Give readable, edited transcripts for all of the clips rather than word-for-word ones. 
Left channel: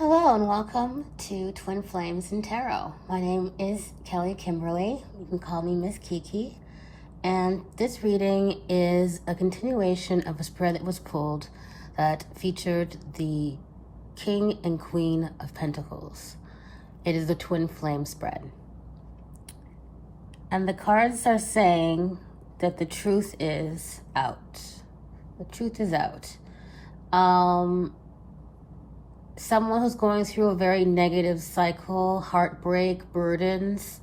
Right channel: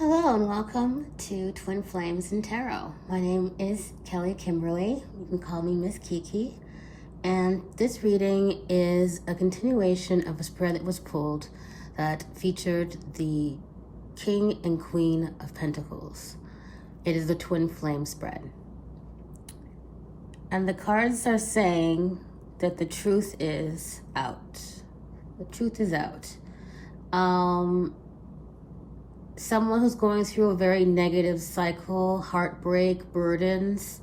Hello and welcome to Twin Flames and Tarot. My name is Kelly Kimberly. You can call me Miss Kiki. And this reading is a continuation of a spread that was pulled that featured the King and Queen of Pentacles. It is the Twin Flame spread. And the cards are saying that the truth is out. The truth is out. Someone who's going through a very negative cycle, heartbreak, burdens,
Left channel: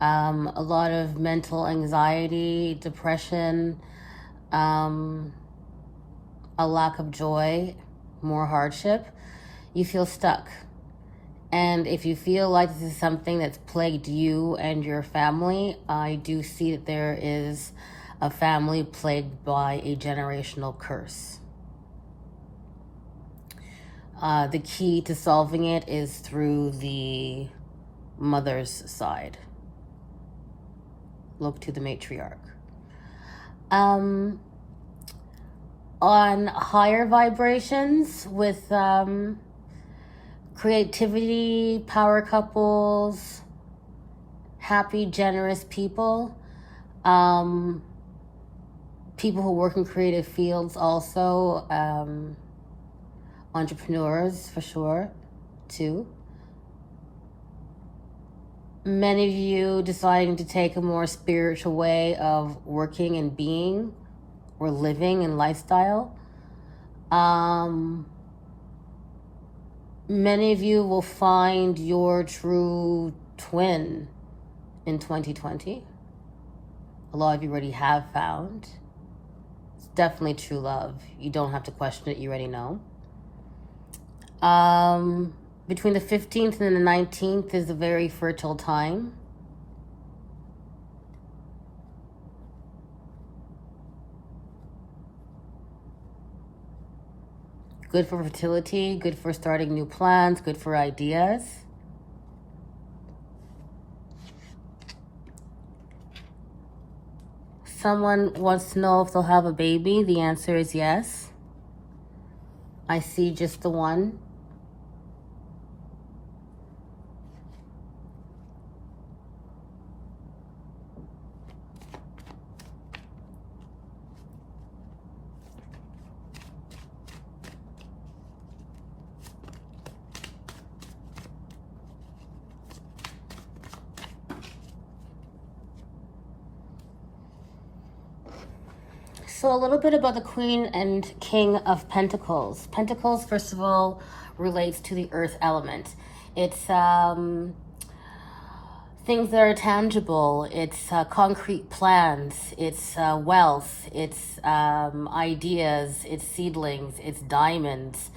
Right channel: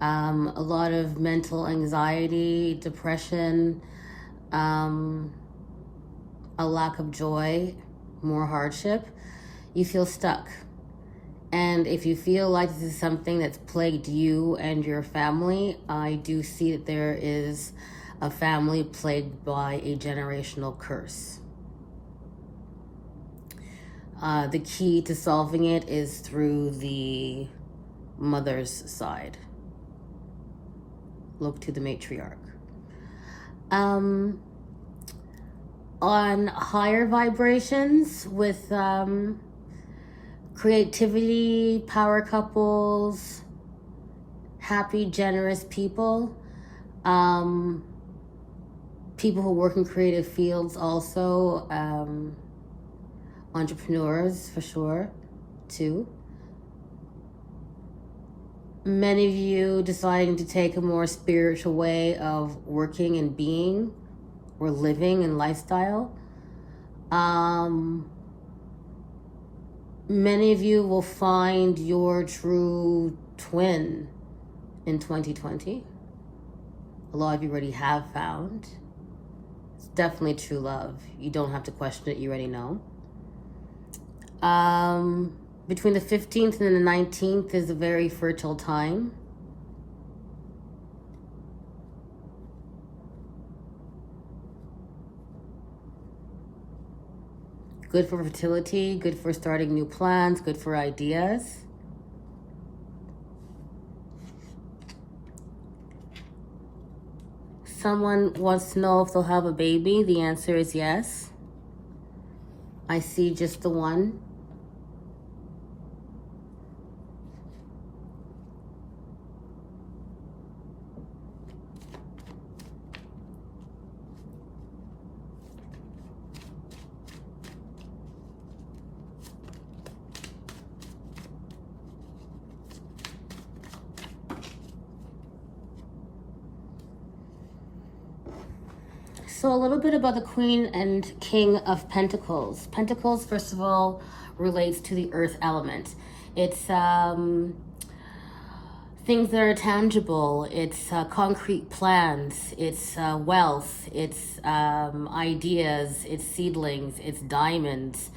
a lot of mental anxiety, depression, a lack of joy, more hardship, you feel stuck. And if you feel like this is something that's plagued you and your family, I do see that there is a family plagued by a generational curse. The key to solving it is through the mother's side. Look to the matriarch. On higher vibrations with creativity, power couples, happy, generous people, people who work in creative fields also, entrepreneurs for sure too. Many of you deciding to take a more spiritual way of working and being or living and lifestyle. Many of you will find your true twin in 2020. A lot of you already have found. It's definitely true love. You don't have to question it, you already know. Between the 15th and the 19th is a very fertile time. Good for fertility, good for starting new plans, good for ideas. Someone wants to know if they'll have a baby. The answer is yes. I see just the one. So a little bit about the Queen and King of Pentacles. Pentacles, first of all, relates to the earth element. It's things that are tangible. It's concrete plans. It's wealth. It's ideas. It's seedlings. It's diamonds.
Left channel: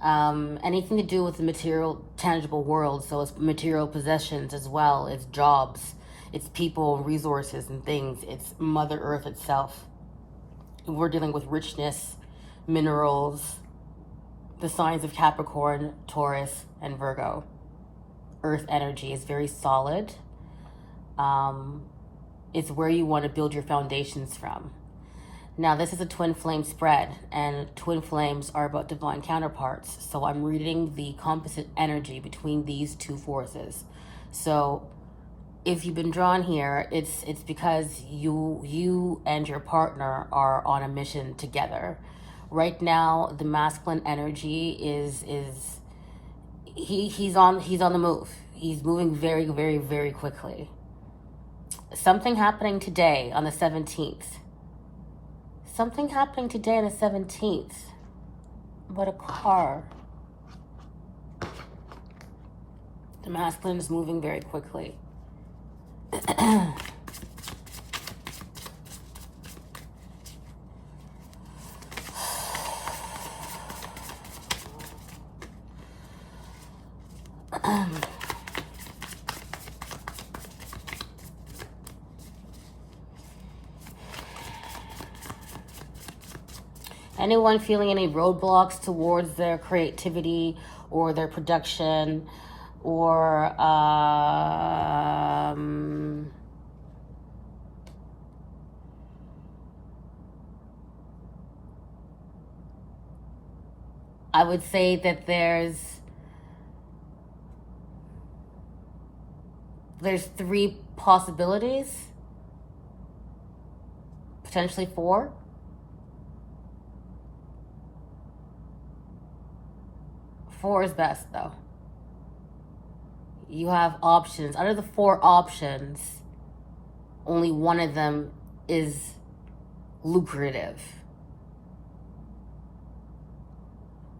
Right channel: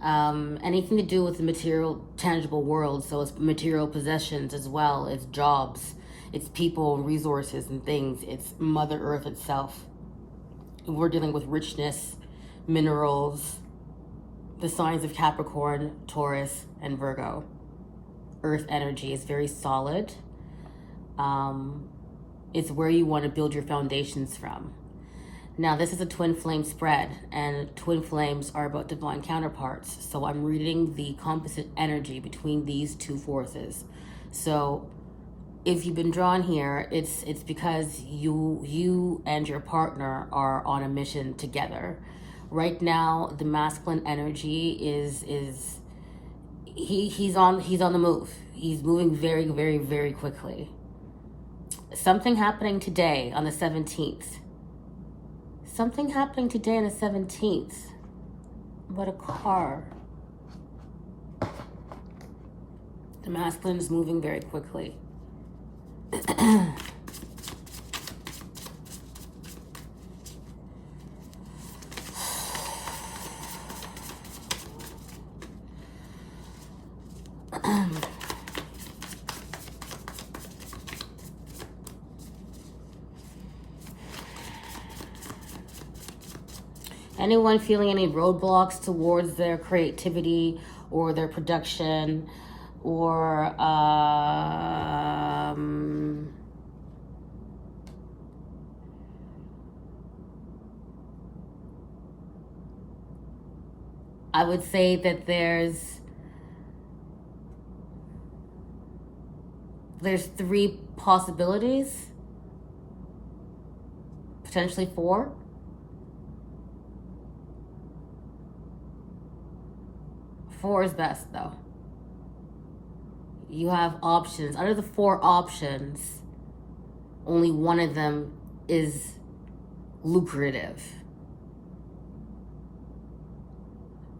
Anything to do with the material, tangible world. So it's material possessions as well. It's jobs. It's people, resources, and things. It's Mother Earth itself. We're dealing with richness, minerals, the signs of Capricorn, Taurus, and Virgo. Earth energy is very solid. It's where you want to build your foundations from. Now, this is a twin flame spread, and twin flames are about divine counterparts. So I'm reading the composite energy between these two forces. So if you've been drawn here, it's because you and your partner are on a mission together. Right now, the masculine energy is he's on the move. He's moving very, very, very quickly. Something happening today on the 17th. Something happening today on the 17th. What a car. The masculine is moving very quickly. Anyone feeling any roadblocks towards their creativity or their production or I would say that there's There's 3 possibilities, potentially 4. Four is best though. You have options. Out of the 4 options, only one of them is lucrative.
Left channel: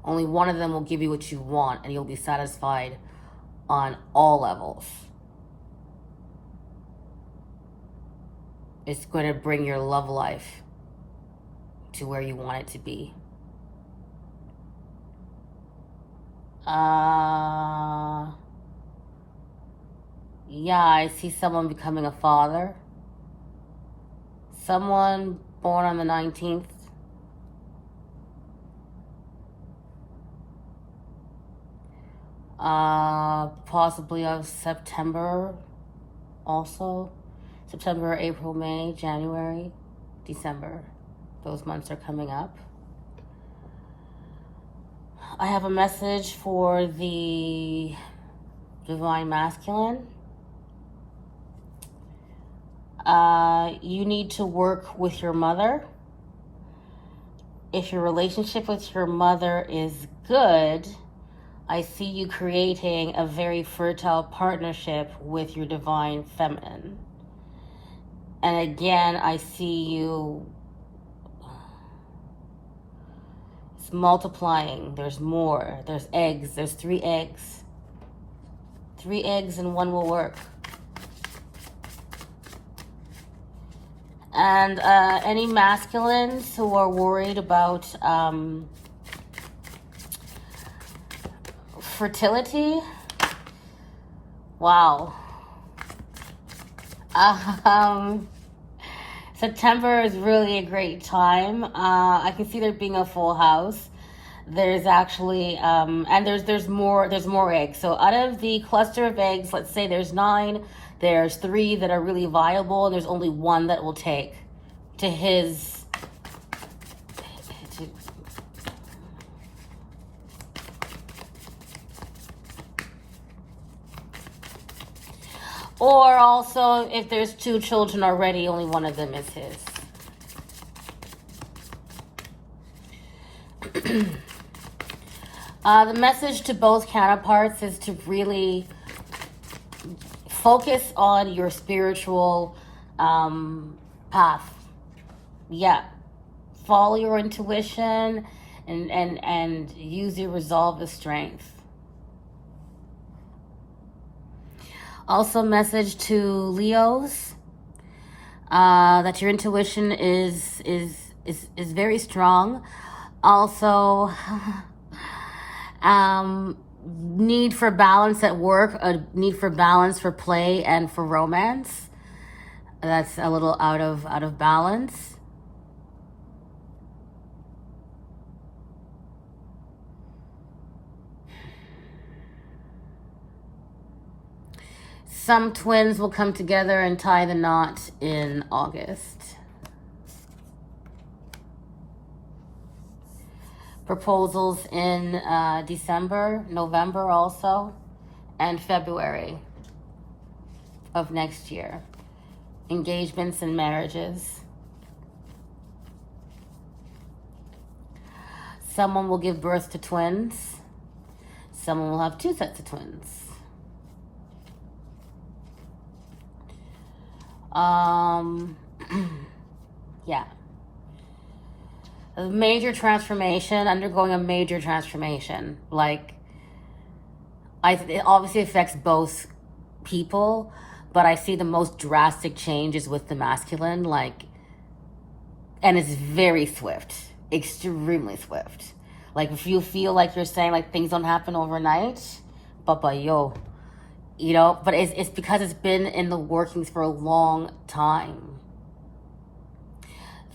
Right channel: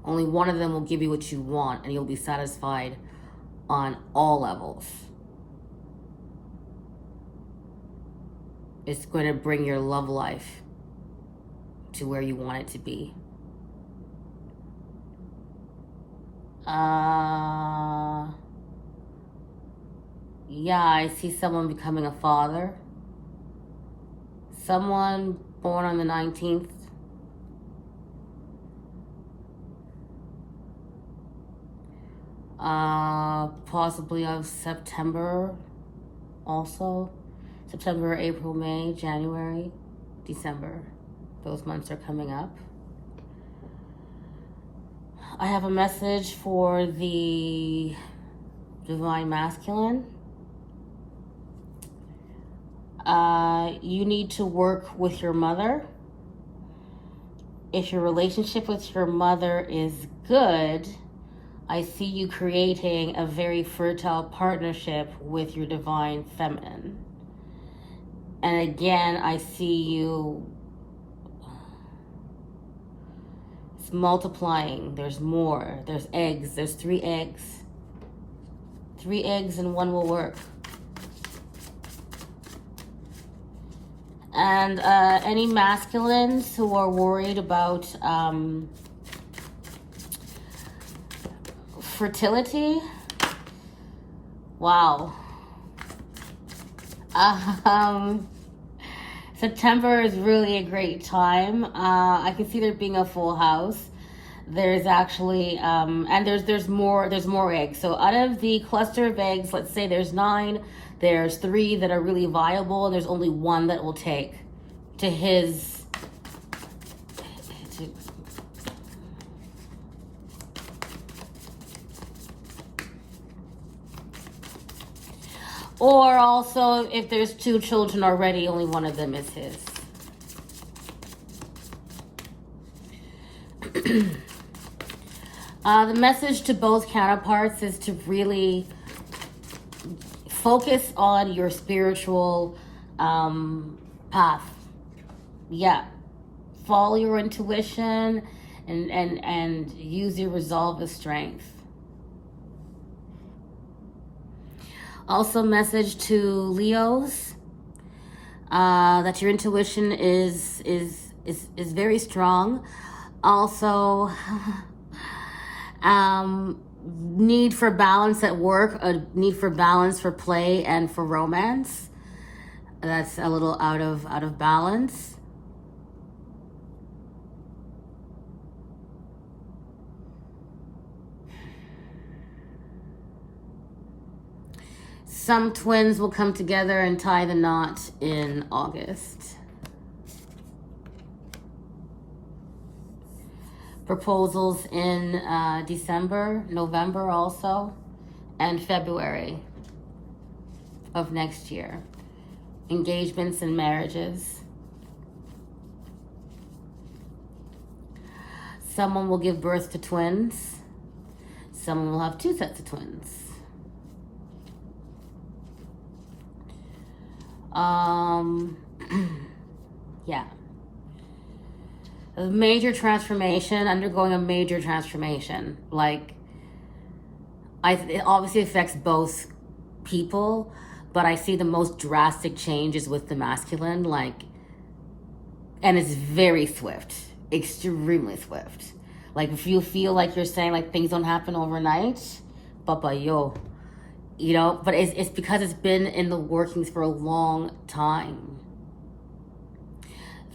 Only one of them will give you what you want, and you'll be satisfied on all levels. It's going to bring your love life to where you want it to be. Yeah, I see someone becoming a father. Someone born on the 19th. Possibly of September also. September, April, May, January, December. Those months are coming up. I have a message for the Divine Masculine. You need to work with your mother. If your relationship with your mother is good, I see you creating a very fertile partnership with your Divine Feminine. And again, I see you, it's multiplying. There's more. There's eggs. There's 3 eggs. 3 eggs and 1 will work. And any masculines who are worried about fertility, wow. September is really a great time. I can see there being a full house. There's actually and there's more eggs. So out of the cluster of eggs, let's say there's 9, there's 3 that are really viable, and there's only 1 that will take to his or also if there's 2 children already, only 1 of them is his. The message to both counterparts is to really focus on your spiritual path. Yeah. Follow your intuition and use your resolve with strength. Also, message to Leos that your intuition is very strong. Also, need for balance at work, a need for balance for play and for romance. That's a little out of balance. Some twins will come together and tie the knot in August. Proposals in December, November also, and February of next year. Engagements and marriages. Someone will give birth to twins. Someone will have 2 sets of twins. Yeah. A major transformation, undergoing a major transformation. Like, it obviously affects both people, but I see the most drastic changes with the masculine, like, and it's very swift, extremely swift. Like, if you feel like you're saying, like, things don't happen overnight, papa, yo, you know, but it's because it's been in the workings for a long time.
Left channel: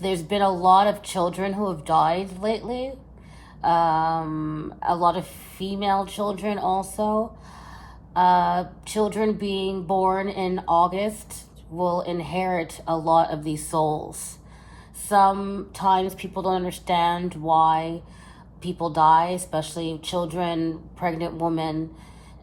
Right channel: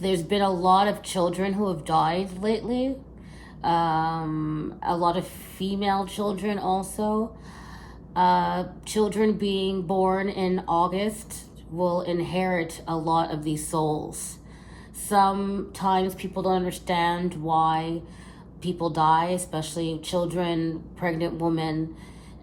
There's been a lot of children who have died lately. A lot of female children also. Children being born in August will inherit a lot of these souls. Sometimes people don't understand why people die, especially children, pregnant women,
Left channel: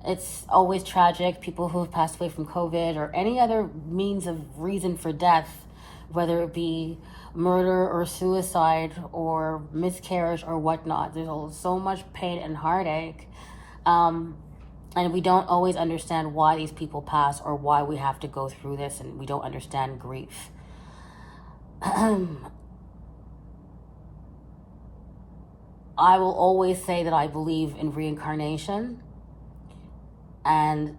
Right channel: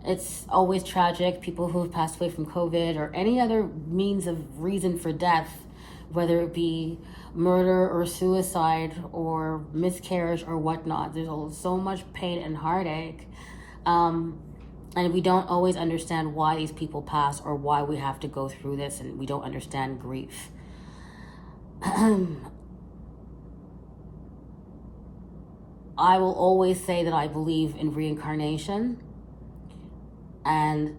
It's always tragic. People who have passed away from COVID or any other means of reason for death, whether it be murder or suicide or miscarriage or whatnot. There's so much pain and heartache. And we don't always understand why these people pass or why we have to go through this, and we don't understand grief. I will always say that I believe in reincarnation, and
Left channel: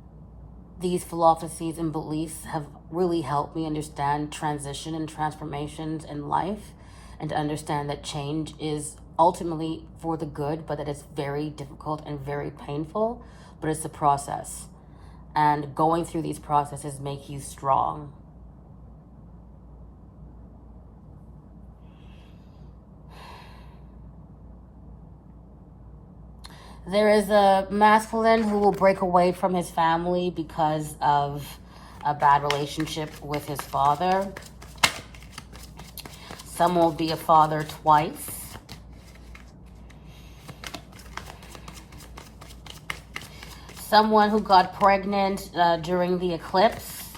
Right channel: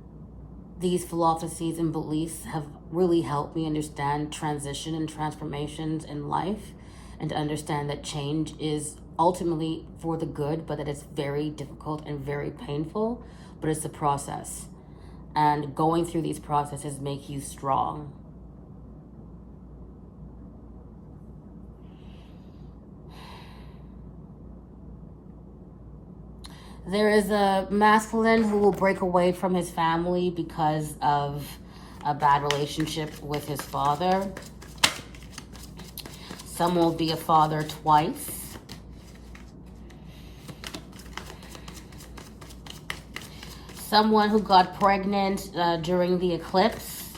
these philosophies and beliefs have really helped me understand transition and transformations in life, and to understand that change is ultimately for the good, but that it's very difficult and very painful, but it's a process. And going through these processes make you strong. There is a masculine who will break away from his family because of a bad relationship with his father. Some will be a father twice. Someone who got pregnant during the eclipse.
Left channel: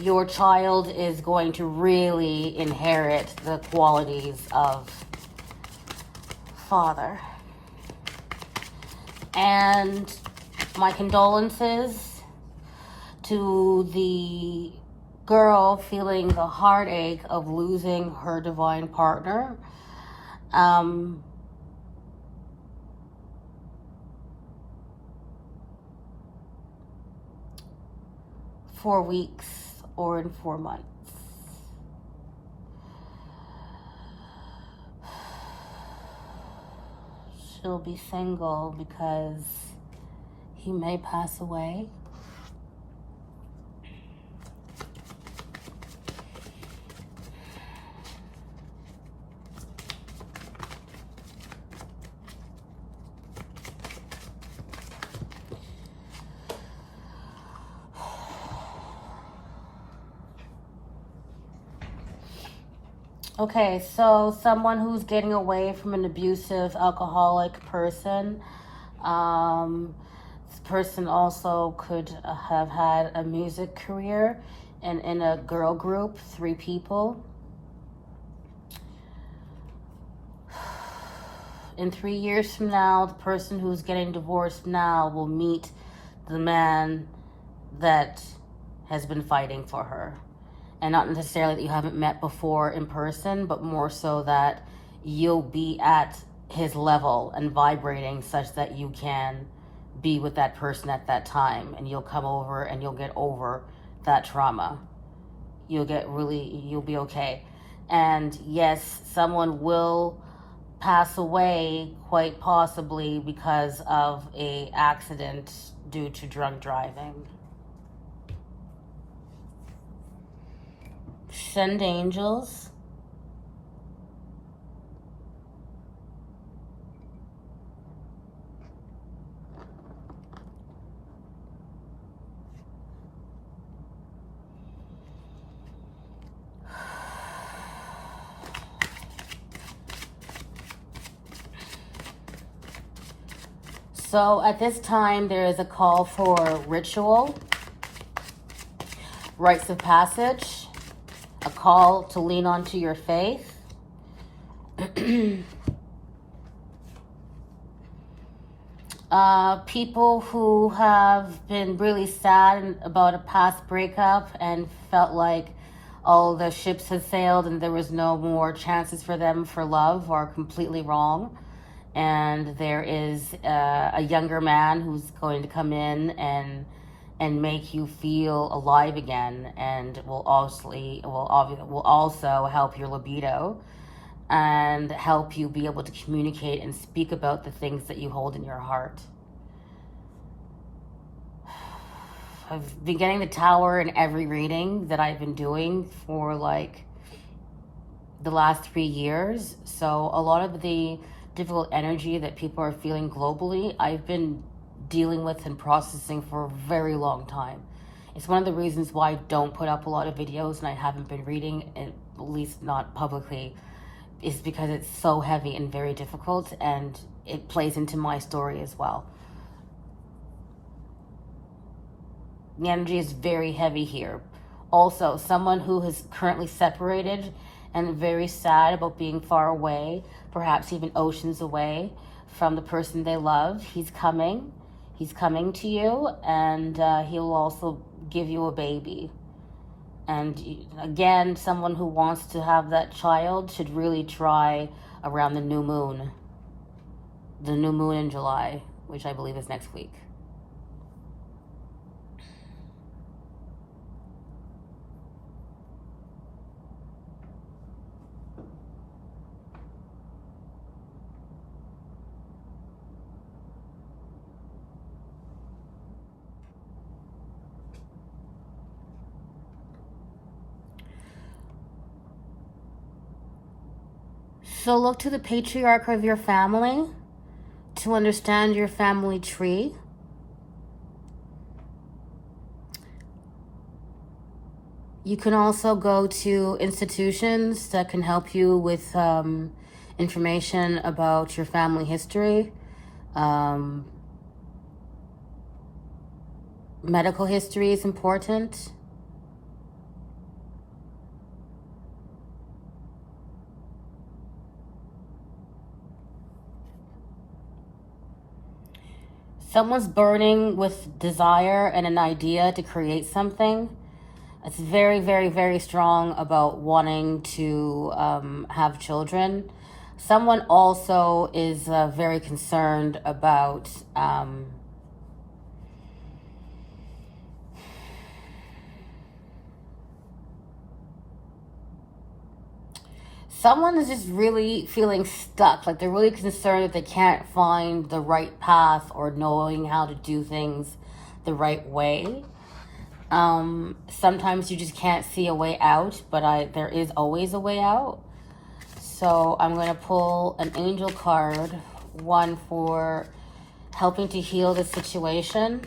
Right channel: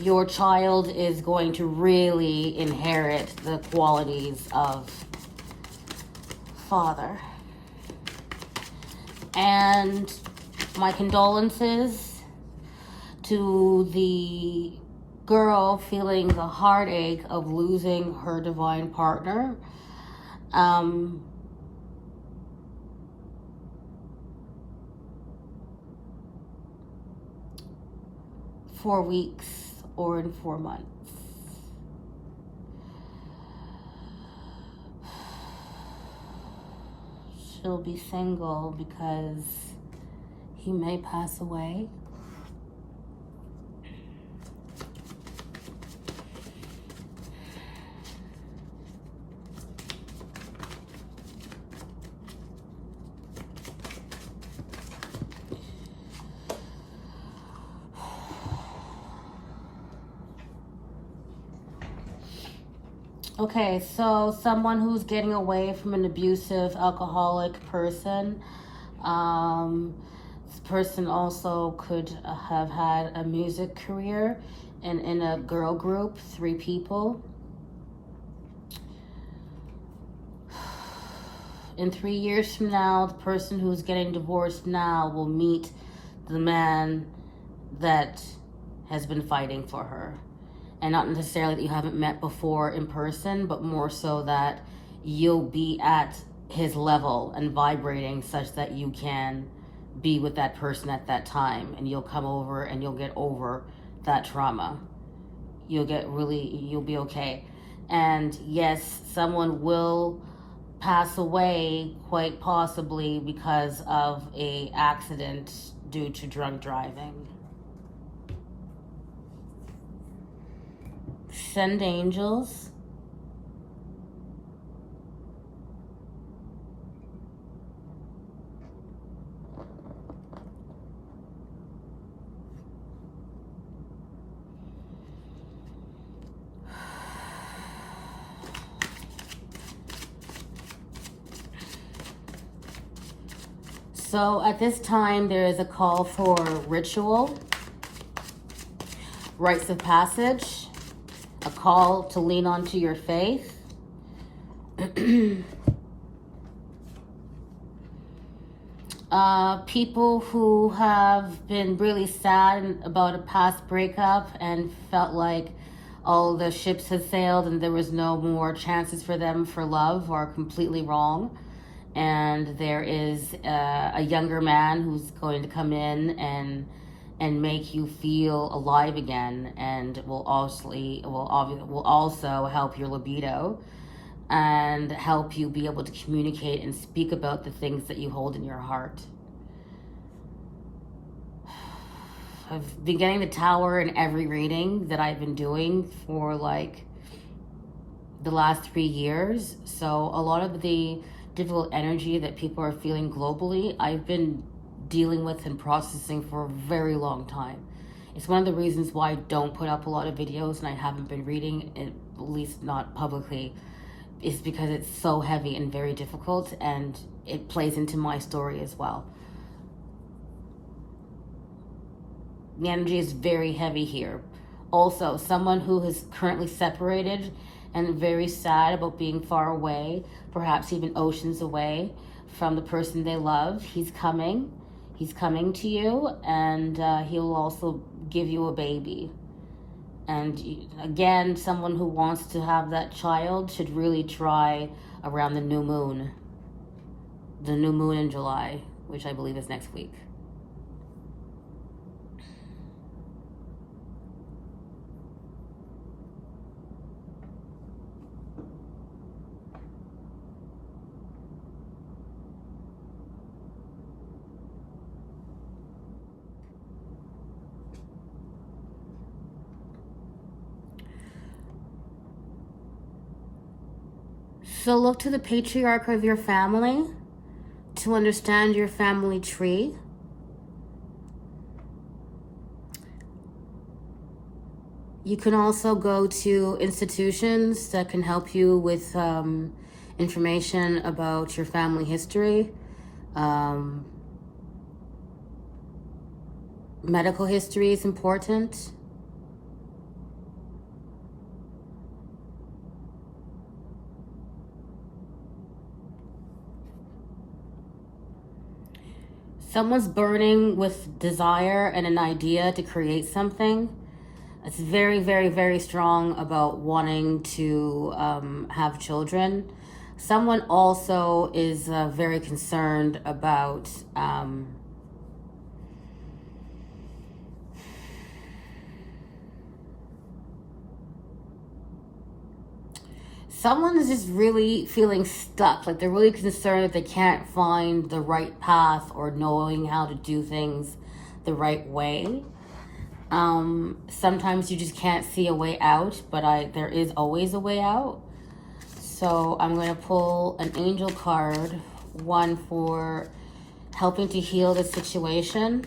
Your child is going to really inherit the qualities of father. And my condolences to the girl feeling the heartache of losing her divine partner. 4 weeks or in 4 months. She'll be single because he may pass away. Okay, so someone who's getting away from an abusive, alcoholic person. This person also could have had a music career and in a girl group, 3 people. In 3 years from now, the person who's getting divorced now will meet the man that has been fighting for her. And not necessarily that you haven't met before in person, but more so that you'll be at his level and vibrating such that you can be with that person at that time, and you'll come over and you'll get over that trauma. You'll be okay. And yes, someone will pass away, quite possibly because of a accident due to drunk driving. Send angels. So at this time, there is a call for ritual, rites of passage, a call to lean onto your faith. People who have been really sad about a past breakup and felt like all the ships had sailed and there was no more chances for them for love are completely wrong. And there is a younger man who's going to come in and make you feel alive again, and will also help your libido and help you be able to communicate and speak about the things that you hold in your heart. I've been getting the Tower in every reading that I've been doing for like the last 3 years. So a lot of the difficult energy that people are feeling globally, I've been dealing with and processing for a very long time. It's one of the reasons why I don't put up a lot of videos and I haven't been reading, at least not publicly, is because it's so heavy and very difficult, and it plays into my story as well. The energy is very heavy here. Also, someone who is currently separated and very sad about being far away, perhaps even oceans away from the person they love. He's coming. He's coming to you, and he'll also give you a baby. And again, someone who wants to have that child should really try around the new moon. The new moon in July, which I believe is next week. So look to the patriarch of your family to understand your family tree. You can also go to institutions that can help you with information about your family history. Medical history is important. Someone's burning with desire and an idea to create something. It's very, very, very strong about wanting to have children. Someone also is very concerned about someone is just really feeling stuck. Like they're really concerned that they can't find the right path or knowing how to do things the right way. Sometimes you just can't see a way out, but there is always a way out. So I'm going to pull an angel card, one for helping to heal the situation.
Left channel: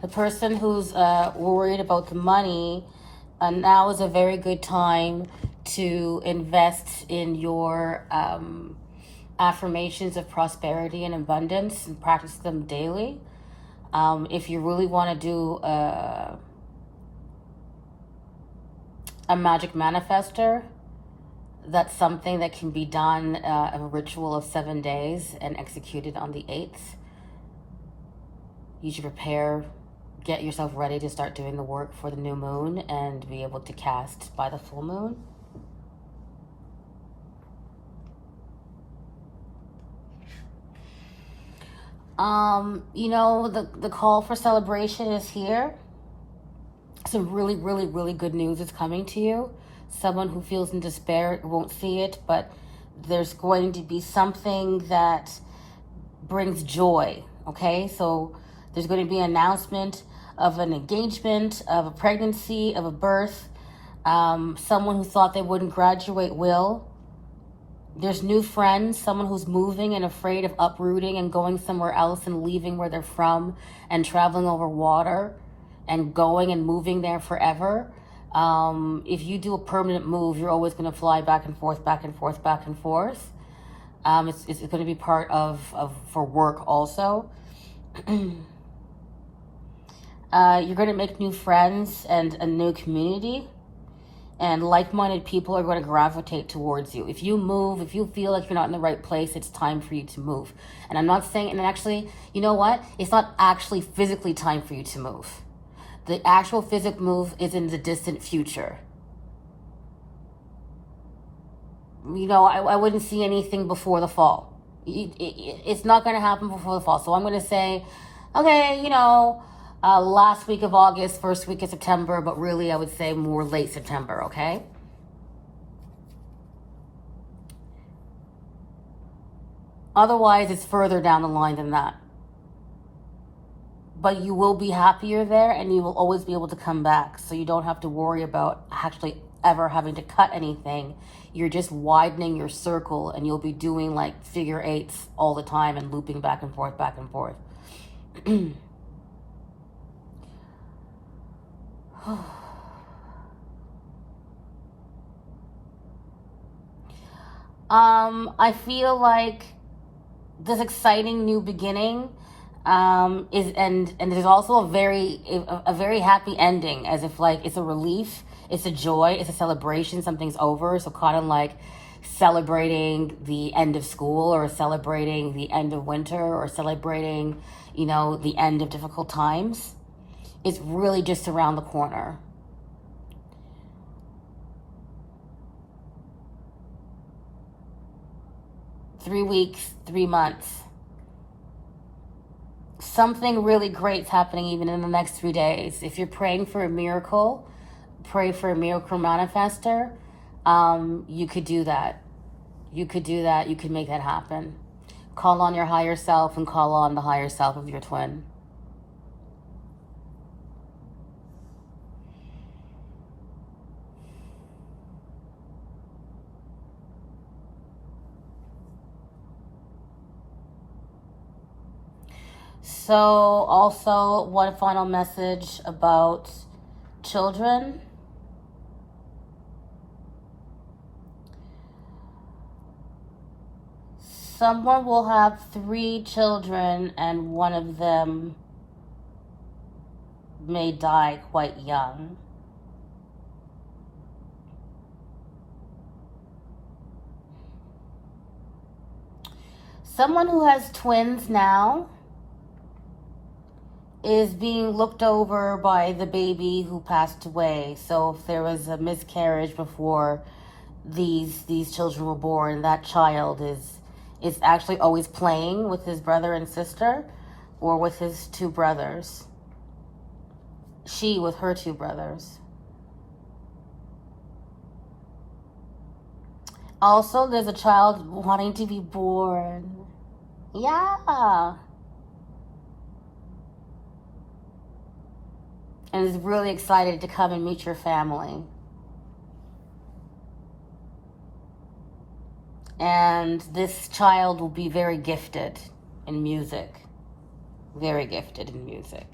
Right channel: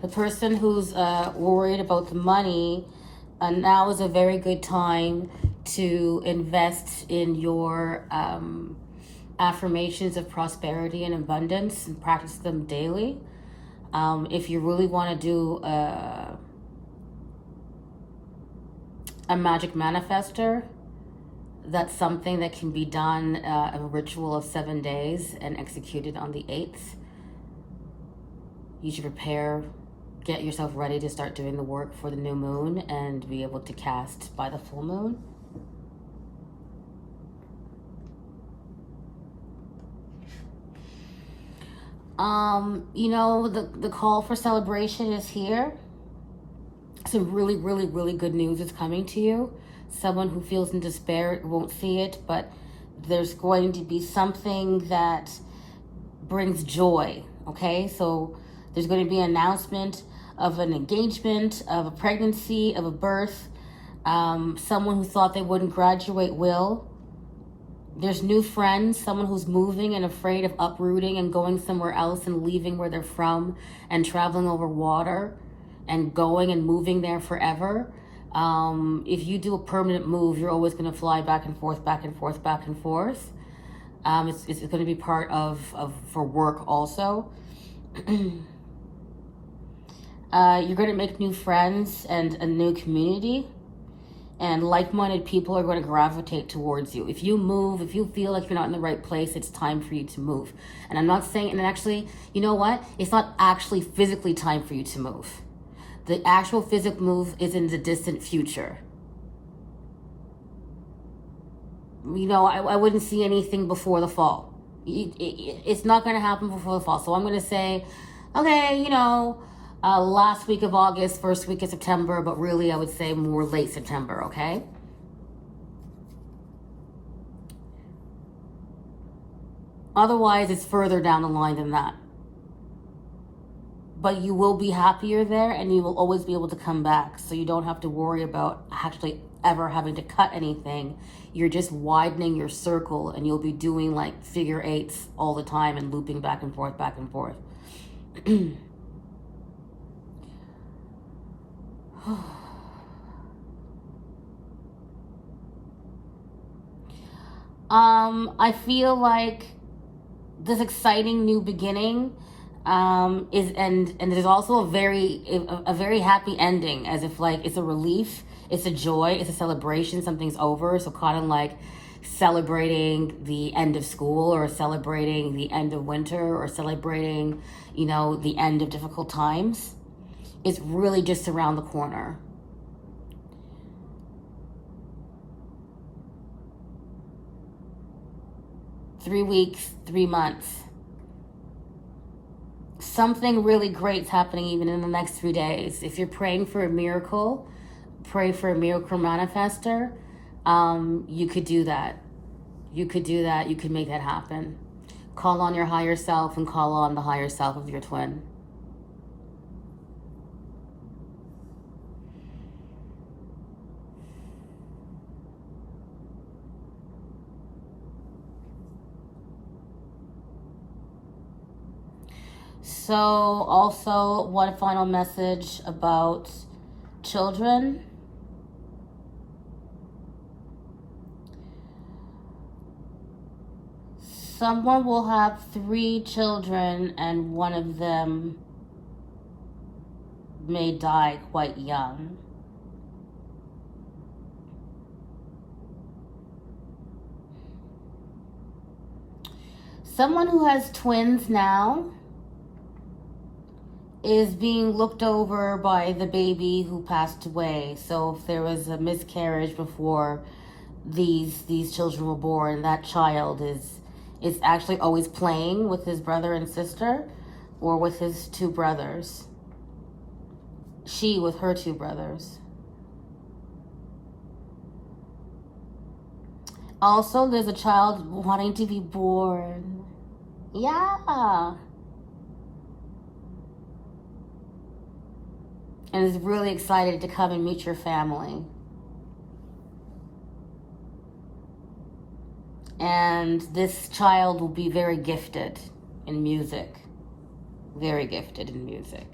The person who's worried about the money, now is a very good time to invest in your affirmations of prosperity and abundance and practice them daily. If you really want to do a magic manifester, that's something that can be done, a ritual of 7 days and executed on the 8th. You should prepare, get yourself ready to start doing the work for the new moon and be able to cast by the full moon. You know, the call for celebration is here. Some really, really, really good news is coming to you. Someone who feels in despair won't see it, but there's going to be something that brings joy, okay? So there's going to be an announcement of an engagement, of a pregnancy, of a birth. Someone who thought they wouldn't graduate will. There's new friends, someone who's moving and afraid of uprooting and going somewhere else and leaving where they're from and traveling over water and going and moving there forever. If you do a permanent move, you're always going to fly back and forth, back and forth, back and forth. It's going to be part of for work also. You're going to make new friends and a new community. And like-minded people are going to gravitate towards you. If you move, if you feel like you're not in the right place, it's time for you to move. And I'm not saying, and actually, you know what? It's not actually physically time for you to move. The actual physical move is in the distant future. You know, I wouldn't see anything before the fall. It's not going to happen before the fall. So I'm going to say, okay, you know, last week of August, first week of September, but really I would say more late September, okay? Otherwise, it's further down the line than that. But you will be happier there and you will always be able to come back. So you don't have to worry about actually ever having to cut anything. You're just widening your circle and you'll be doing like figure eights all the time and looping back and forth, back and forth. I feel like this exciting new beginning Is and there's also a very happy ending, as if like it's a relief, it's a joy, it's a celebration, something's over. So kind of like celebrating the end of school, or celebrating the end of winter, or celebrating, the end of difficult times. It's really just around the corner. 3 weeks, 3 months. Something really great's happening even in the next 3 days. If you're praying for a miracle, pray for a miracle manifester. You could do that. You could do that. You could make that happen. Call on your higher self and call on the higher self of your twin. So, also, one final message about children. Someone will have 3 children, and one of them may die quite young. Someone who has twins now is being looked over by the baby who passed away. So if there was a miscarriage before these children were born, that child is actually always playing with his brother and sister, or with his 2 brothers. She with her 2 brothers. Also, there's a child wanting to be born. Yeah. And is really excited to come and meet your family. And this child will be very gifted in music. Very gifted in music.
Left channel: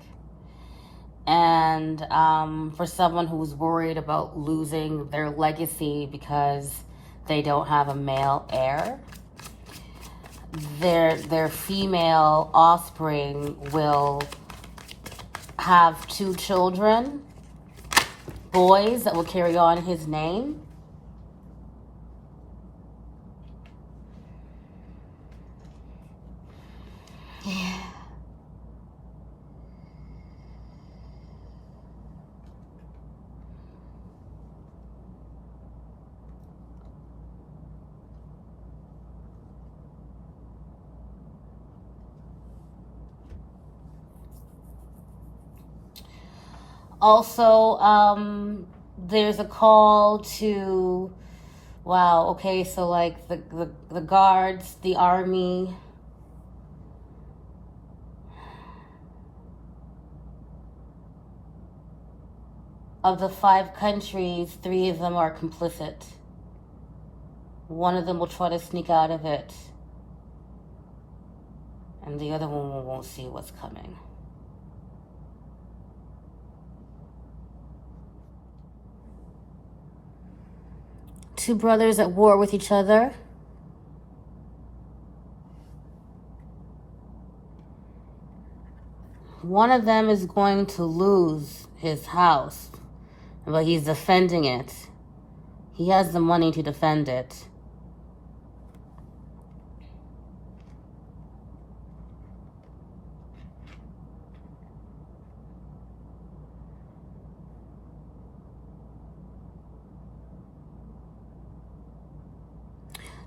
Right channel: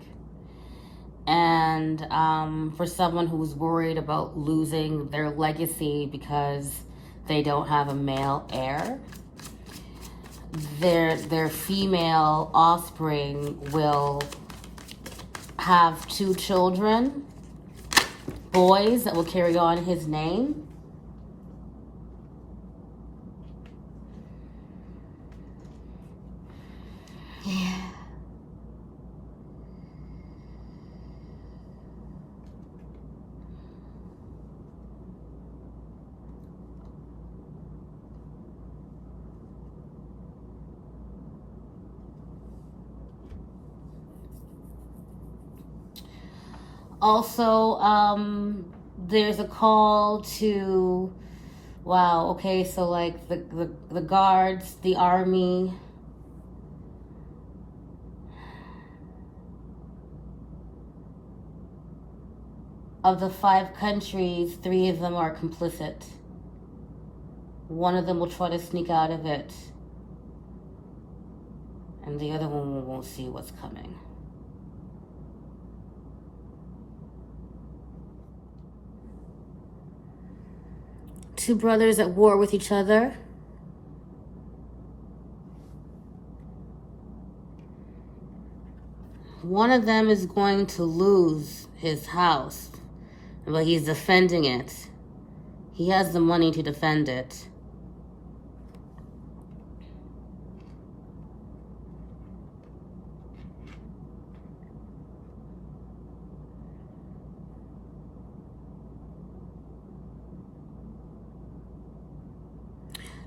And for someone who's worried about losing their legacy because they don't have a male heir, their female offspring will have 2 children, boys that will carry on his name. Yeah. Also, there's a call to, wow, okay, so like the guards, the army, of the 5 countries, 3 of them are complicit. One of them will try to sneak out of it, and the other one won't see what's coming. Two brothers at war with each other. One of them is going to lose his house, but he's defending it. He has the money to defend it.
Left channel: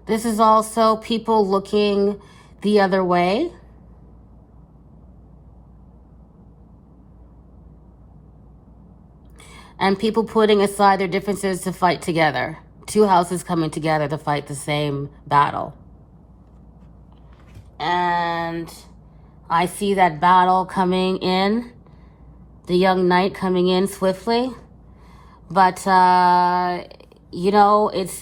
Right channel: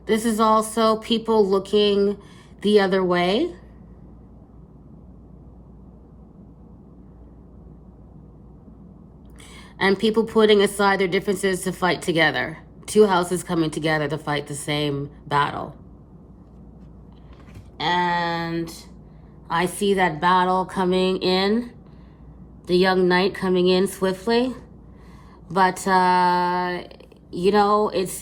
This is also people looking the other way. And people putting aside their differences to fight together. 2 houses coming together to fight the same battle. And I see that battle coming in, the young knight coming in swiftly. But this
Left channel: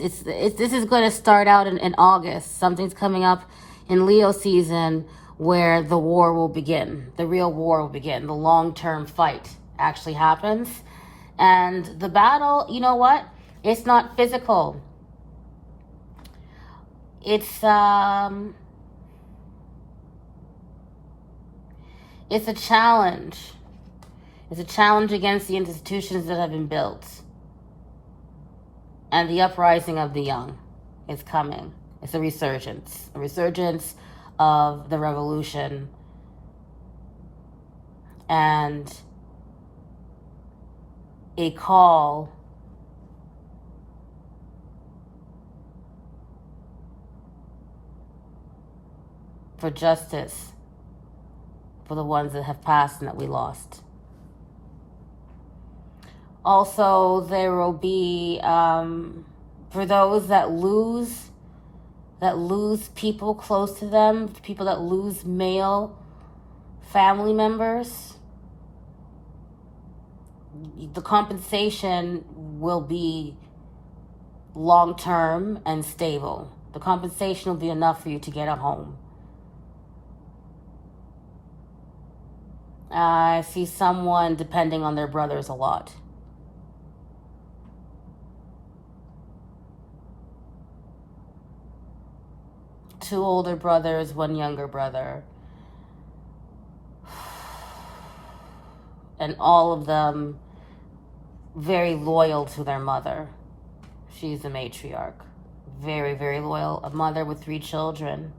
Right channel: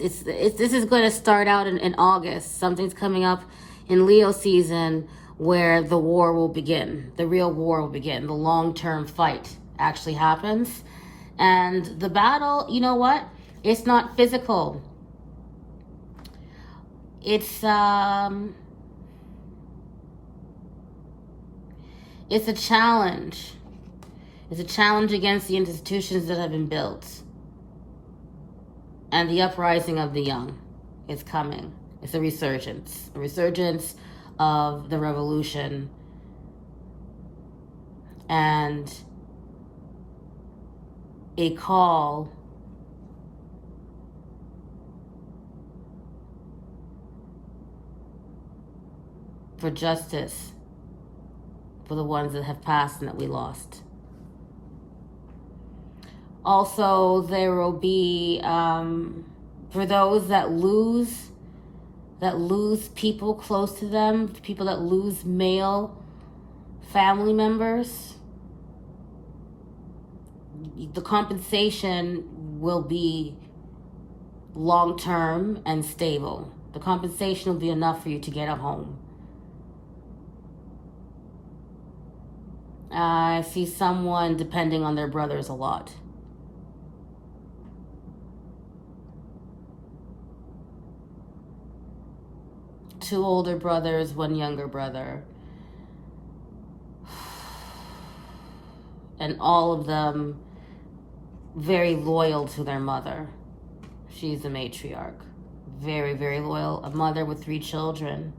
is going to start out in August. Something's coming up in Leo season where the war will begin. The real war will begin. The long-term fight actually happens. And the battle, you know what? It's not physical. It's It's a challenge. It's a challenge against the institutions that have been built. And the uprising of the young is coming. It's a resurgence of the revolution. And a call for justice for the ones that have passed and that we lost. Also, there will be, for those that lose people close to them, people that lose male family members, the compensation will be long-term and stable. The compensation will be enough for you to get a home. I see someone depending on their brothers a lot. Two older brothers, one younger brother. And all of them very loyal to their mother. She's the matriarch. Very, very loyal. A mother with 3 children.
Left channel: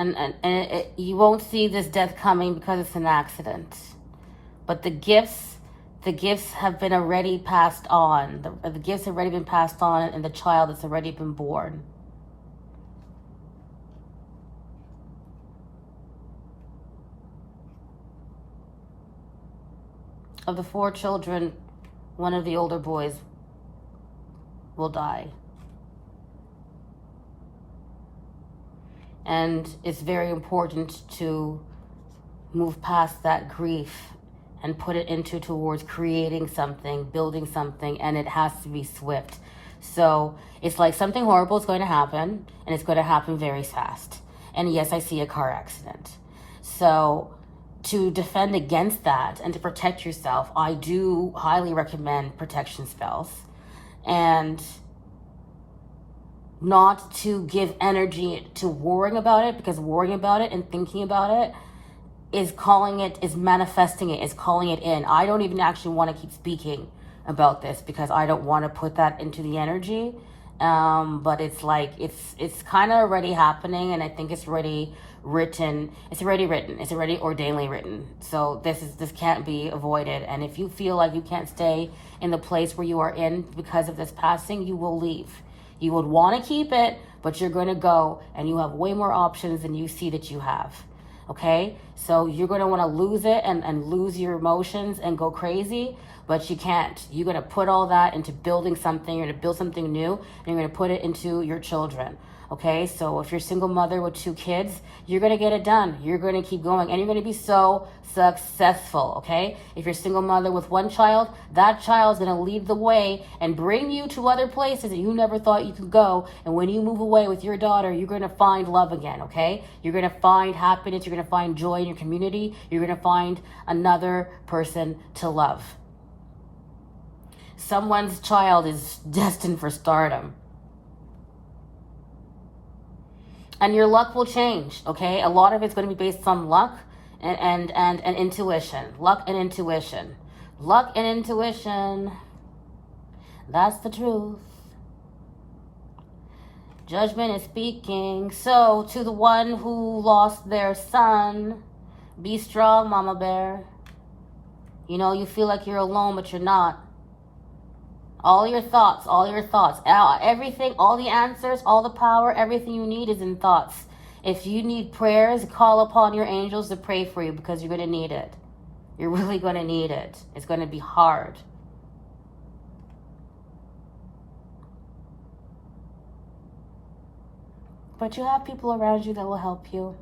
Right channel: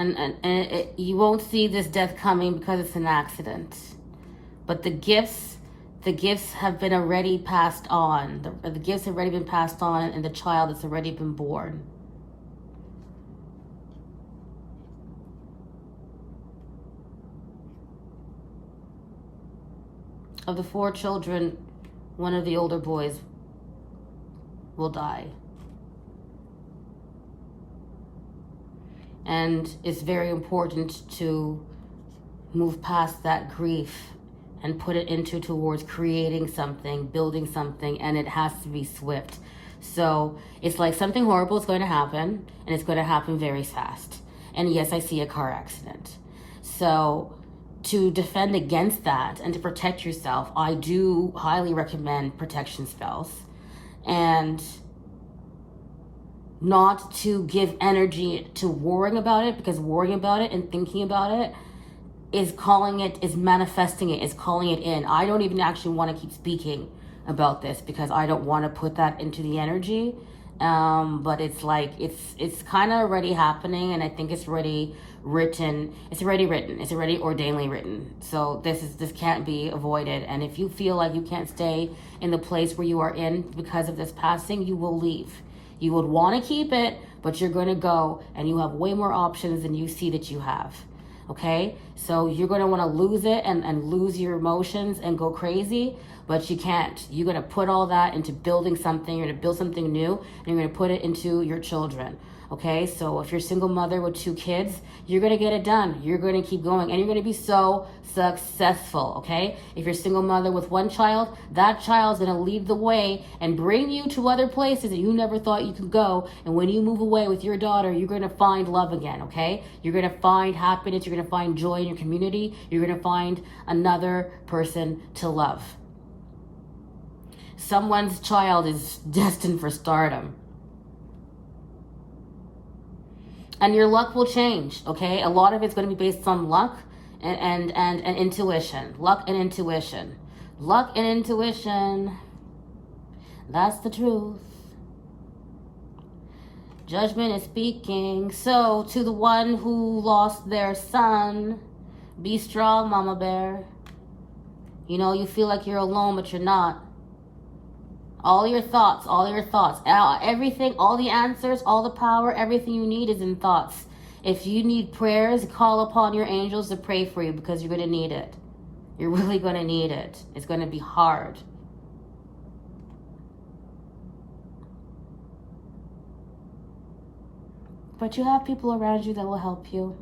And you won't see this death coming because it's an accident. But the gifts have been already passed on. The gifts have already been passed on, and the child has already been born. Of the 4 children, one of the older boys will die. And it's very important to move past that grief and put it towards creating something, building something, and it has to be swift. So it's like something horrible is going to happen, and it's going to happen very fast. And yes, I see a car accident. So to defend against that and to protect yourself, I do highly recommend protection spells. And not to give energy to worrying about it, because worrying about it and thinking about it is manifesting it, is calling it in. I don't even actually want to keep speaking about this because I don't want to put that into the energy. But it's like, it's kind of already happening, and I think it's already written. It's already ordainedly written. So this can't be avoided. And if you feel like you can't stay in the place where you are in because of this passing, you will leave. You would want to keep it, but you're going to go, and you have way more options than you see that you have. Okay? So you're going to want to lose it and lose your emotions and go crazy, but you can't. You're going to put all that into building something. You're going to build something new, and you're going to put it into your children. Okay? So if you're a single mother with 2 kids, you're going to get it done. You're going to keep going, and you're going to be so successful. Okay? If you're a single mother with 1 child, that child's going to lead the way and bring you to other places that you never thought you could go. And when you move away with your daughter, you're going to find love again. Okay? You're going to find happiness. You're going to find joy in your community. You're going to find another person to love. Someone's child is destined for stardom. And your luck will change, okay? A lot of it's going to be based on luck and intuition. Luck and intuition. Luck and intuition. That's the truth. Judgment is speaking. So, to the one who lost their son, be strong, Mama Bear. You know, you feel like you're alone, but you're not. All your thoughts, everything, all the answers, all the power, everything you need is in thoughts. If you need prayers, call upon your angels to pray for you, because you're going to need it. You're really going to need it. It's going to be hard. But you have people around you that will help you.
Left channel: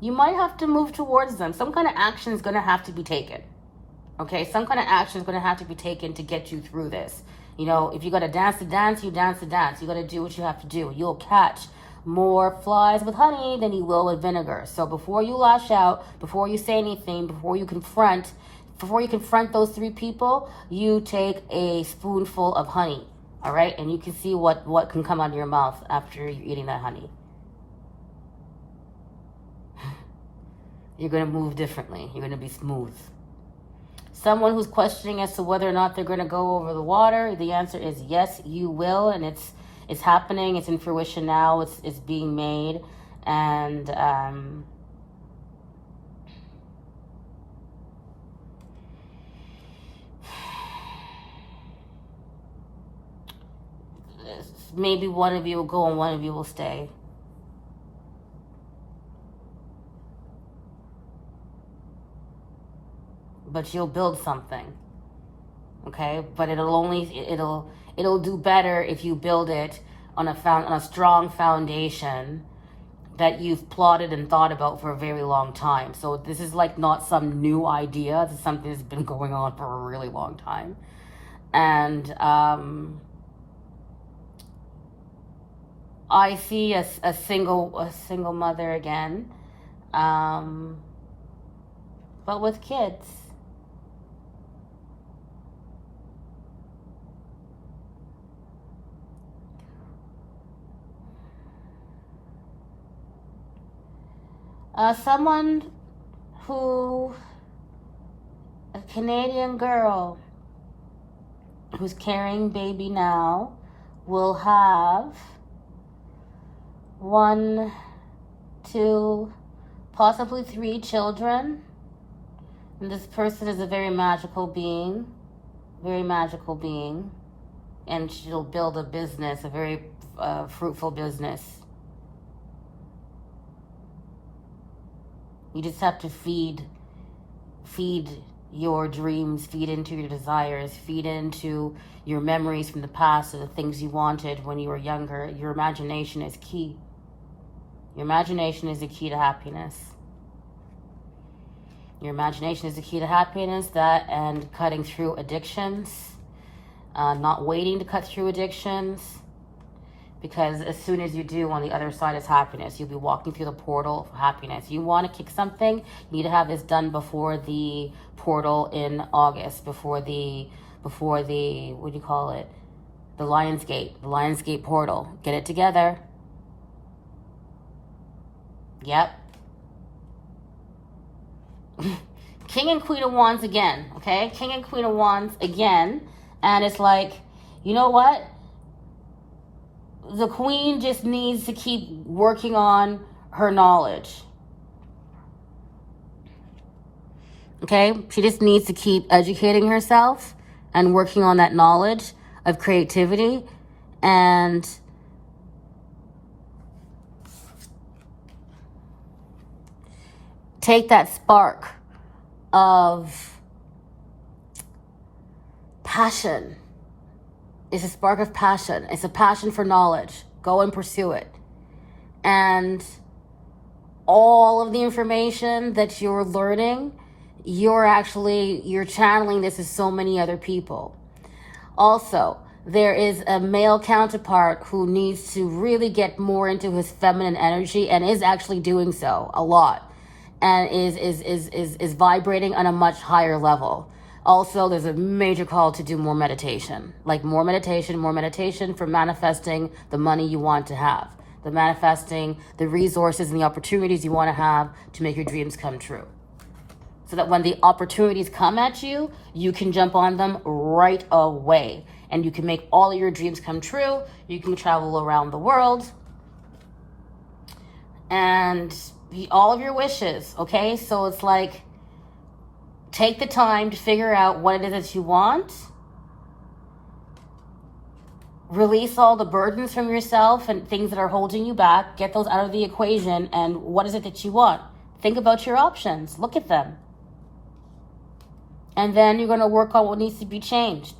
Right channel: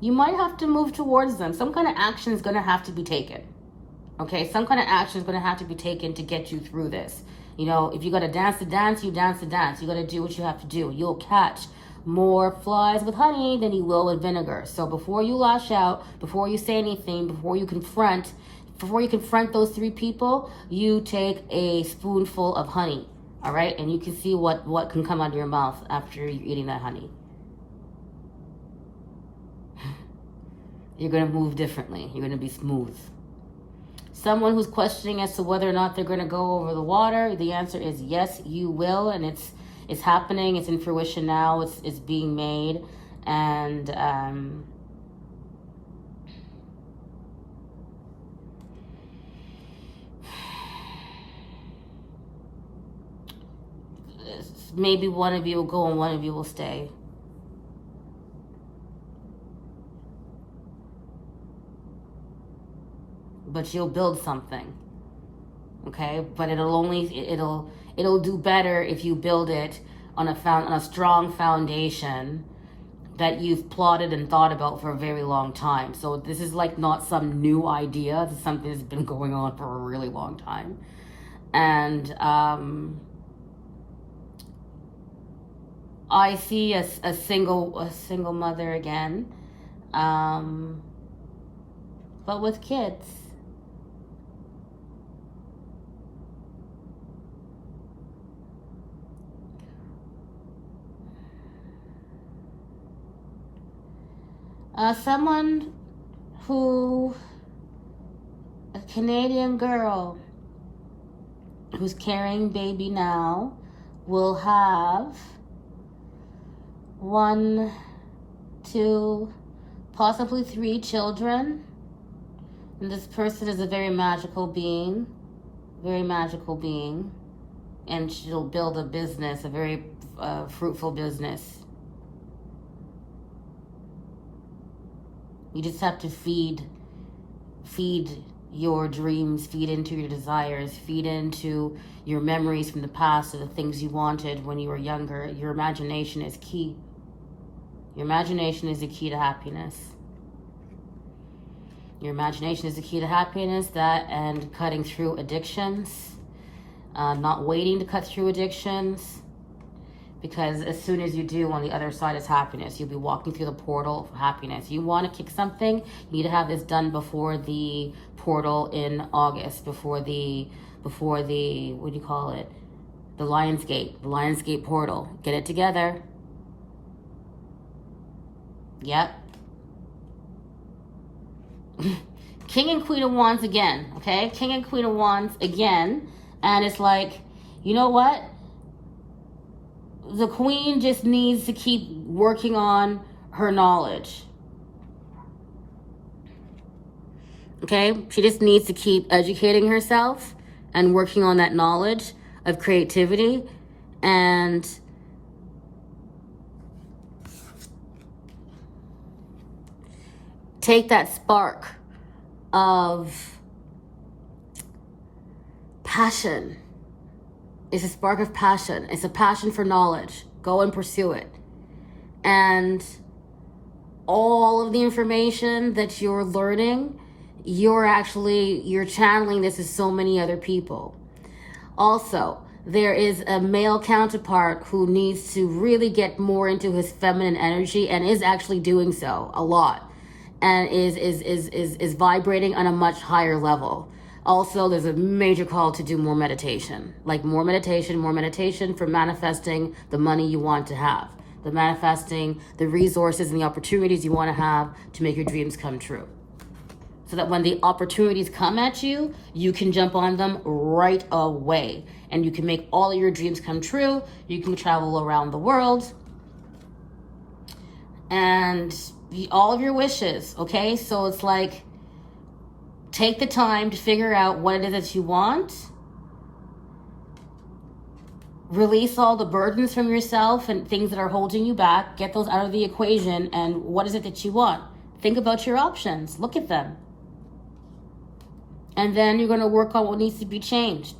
You might have to move towards them. Some kind of action is going to have to be taken. Okay, some kind of action is going to have to be taken to get you through this. You know, if you got to dance the dance, you dance the dance. You got to do what you have to do. You'll catch more flies with honey than you will with vinegar. So before you lash out, before you say anything, before you confront, before you confront those 3 people, you take a spoonful of honey, all right? And you can see what can come out of your mouth after you're eating that honey. You're going to move differently. You're going to be smooth. Someone who's questioning as to whether or not they're going to go over the water, the answer is yes, you will, and it's happening. It's in fruition now. It's being made, and maybe one of you will go and one of you will stay. But you'll build something, okay? But it'll do better if you build it on a strong foundation that you've plotted and thought about for a very long time. So this is like not some new idea. This is something that's been going on for a really long time, and I see a single mother again, but with kids. Someone a Canadian girl who's carrying baby now will have 1, 2, possibly 3 children. And this person is a very magical being, and she'll build a business, a very fruitful business. You just have to feed your dreams, feed into your desires, feed into your memories from the past of the things you wanted when you were younger. Your imagination is key. Your imagination is the key to happiness. Your imagination is the key to happiness, that and cutting through addictions, not waiting to cut through addictions. Because as soon as you do, on the other side is happiness. You'll be walking through the portal of happiness. You want to kick something, you need to have this done before the portal in August, before the what do you call it? The Lionsgate portal. Get it together. Yep. King and Queen of Wands again, okay? King and Queen of Wands again. And it's like, you know what? The queen just needs to keep working on her knowledge. Okay? She just needs to keep educating herself and working on that knowledge of creativity and take that spark of passion. It's a spark of passion. It's a passion for knowledge. Go and pursue it. And all of the information that you're learning, you're channeling this to so many other people. Also, there is a male counterpart who needs to really get more into his feminine energy and is actually doing so a lot, and is vibrating on a much higher level. Also, there's a major call to do more meditation. Like more meditation for manifesting the money you want to have. The manifesting the resources and the opportunities you want to have to make your dreams come true. So that when the opportunities come at you, you can jump on them right away. And you can make all of your dreams come true. You can travel around the world. And all of your wishes, okay? So it's like, take the time to figure out what it is that you want. Release all the burdens from yourself and things that are holding you back. Get those out of the equation. And what is it that you want? Think about your options. Look at them. And then you're going to work on what needs to be changed.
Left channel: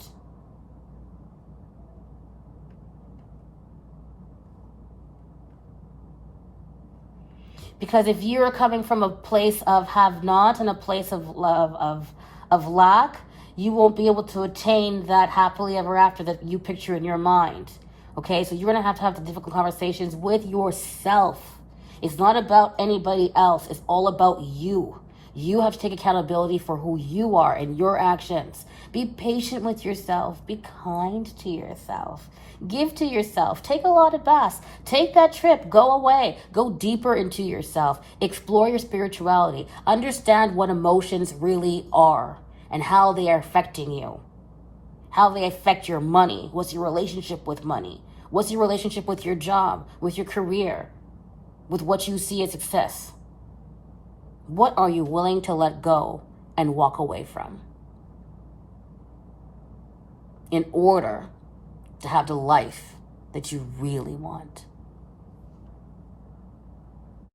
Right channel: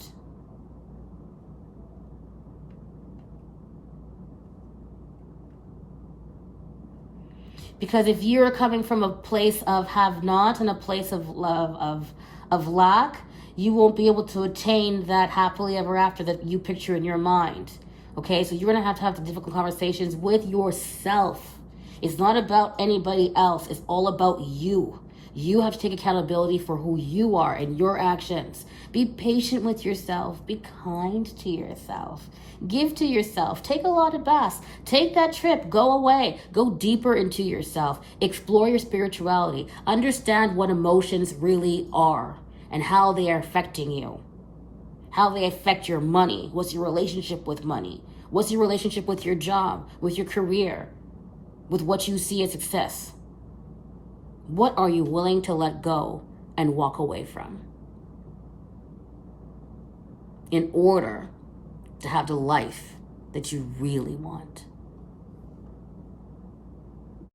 Because if you're coming from a place of have not and a place of love, of lack, you won't be able to attain that happily ever after that you picture in your mind. Okay, so you're going to have the difficult conversations with yourself. It's not about anybody else. It's all about you. You have to take accountability for who you are and your actions. Be patient with yourself. Be kind to yourself. Give to yourself. Take a lot of baths. Take that trip. Go away. Go deeper into yourself. Explore your spirituality. Understand what emotions really are and how they are affecting you. How they affect your money. What's your relationship with money? What's your relationship with your job, with your career, with what you see as success? What are you willing to let go and walk away from in order to have the life that you really want?